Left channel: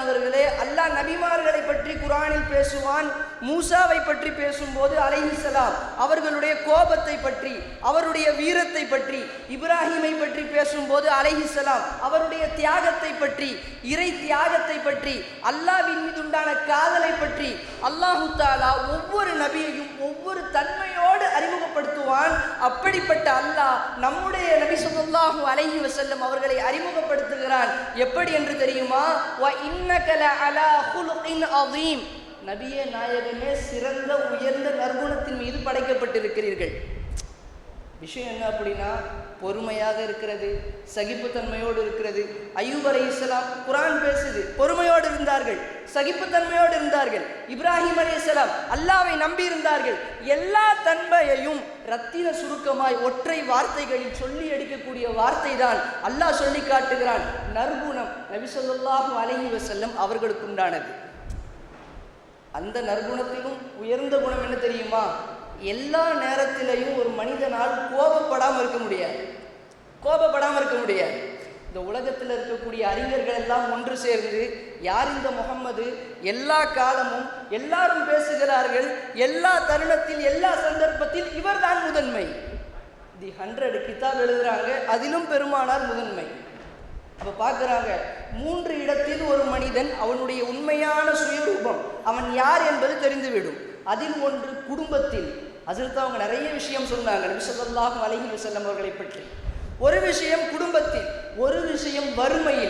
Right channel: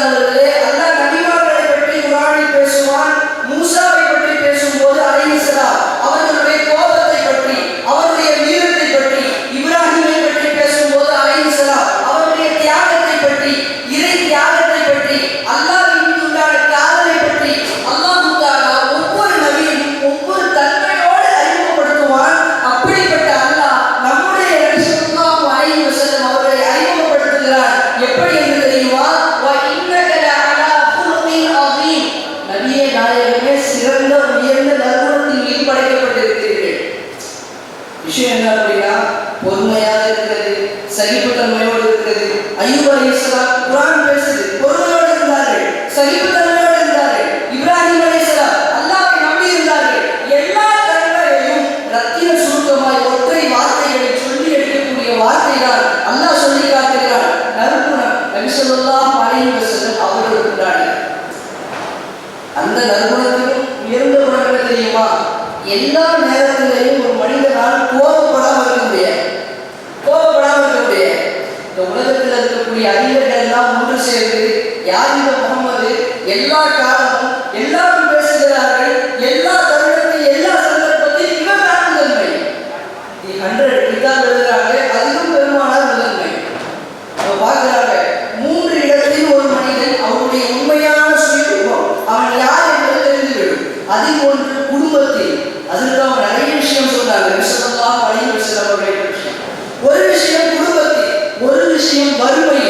அன்புக்கு விஷயம் வறுமை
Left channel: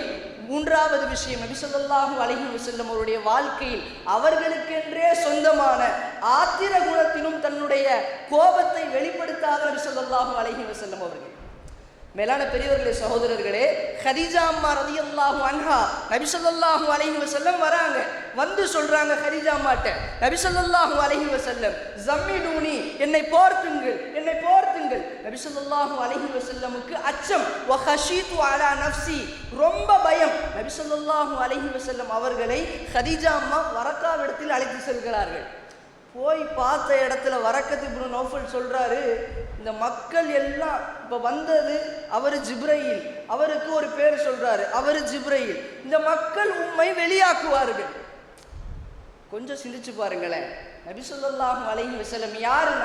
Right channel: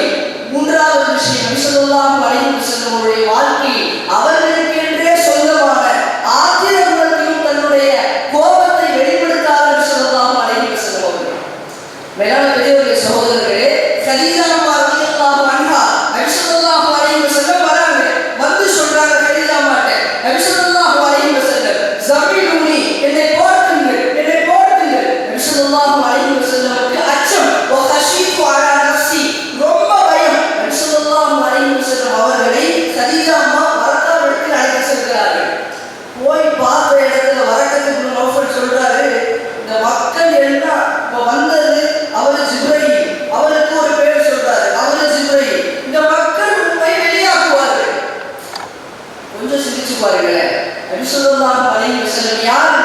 ಯಾರು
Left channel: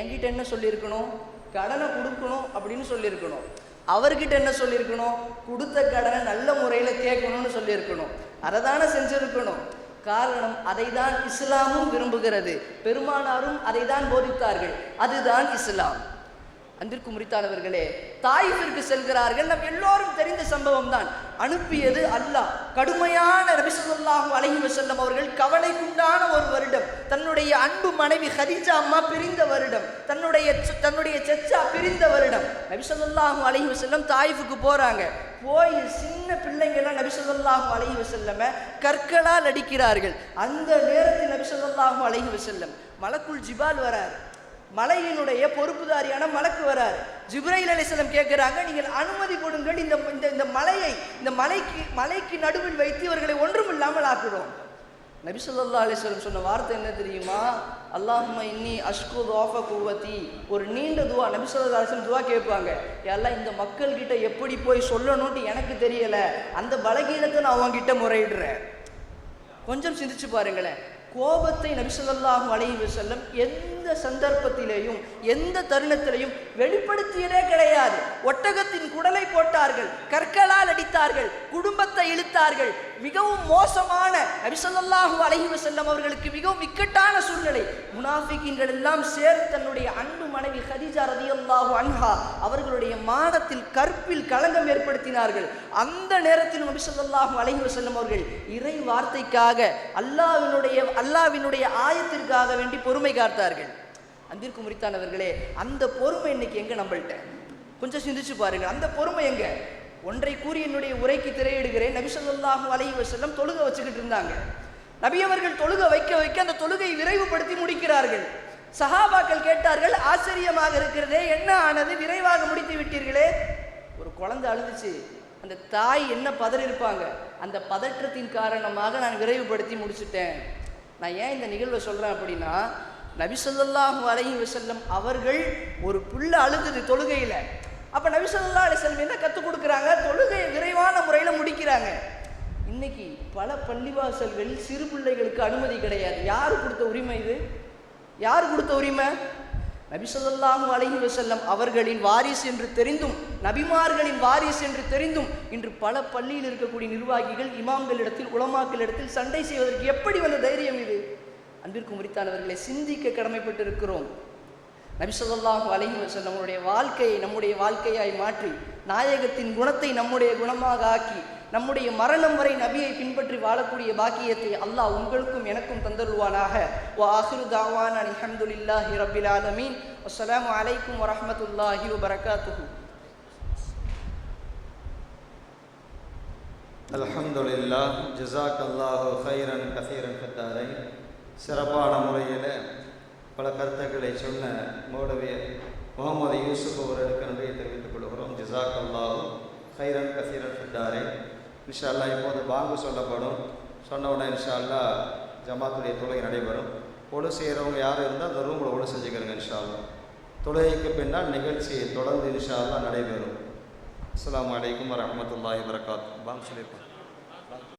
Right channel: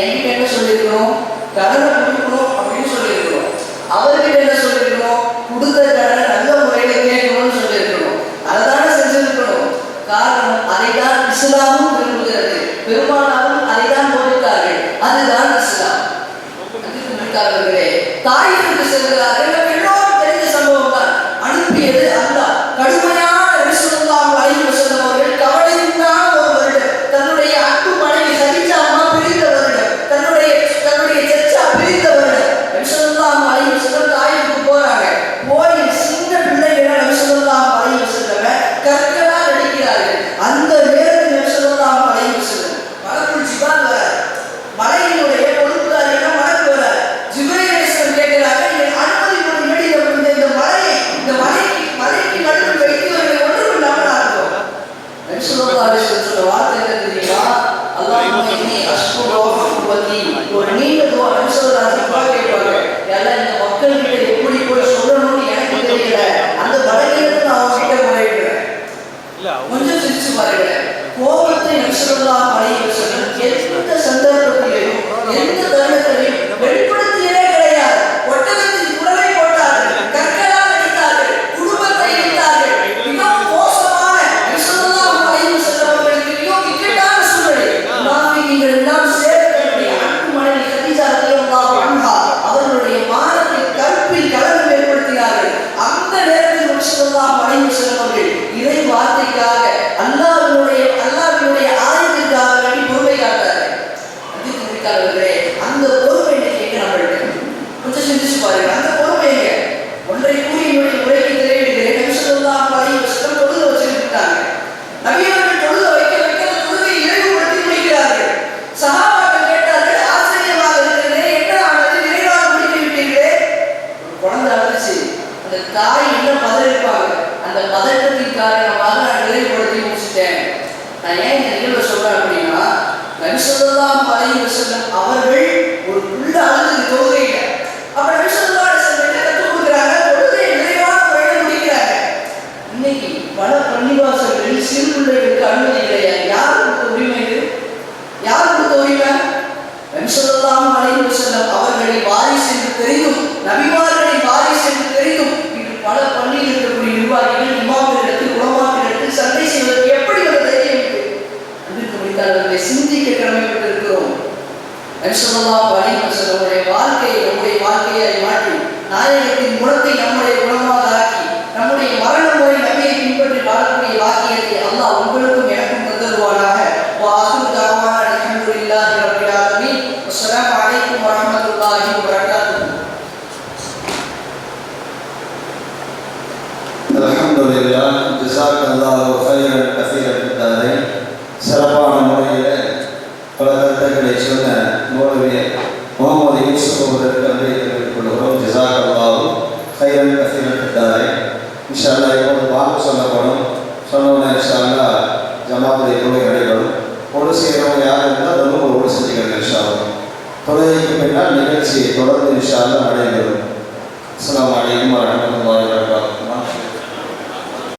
என்கிட்ட என்ன சொல்லியிருக்கிறோம்? கடனை தொழுகைக்கு பின்னால் நிகழ்ச்சி தொடர்ந்து இன்ஷால்லா நடைபெறும். அஸ்ஸலாமு அலைக்கும் வரஹ்மத்துல்லாஹி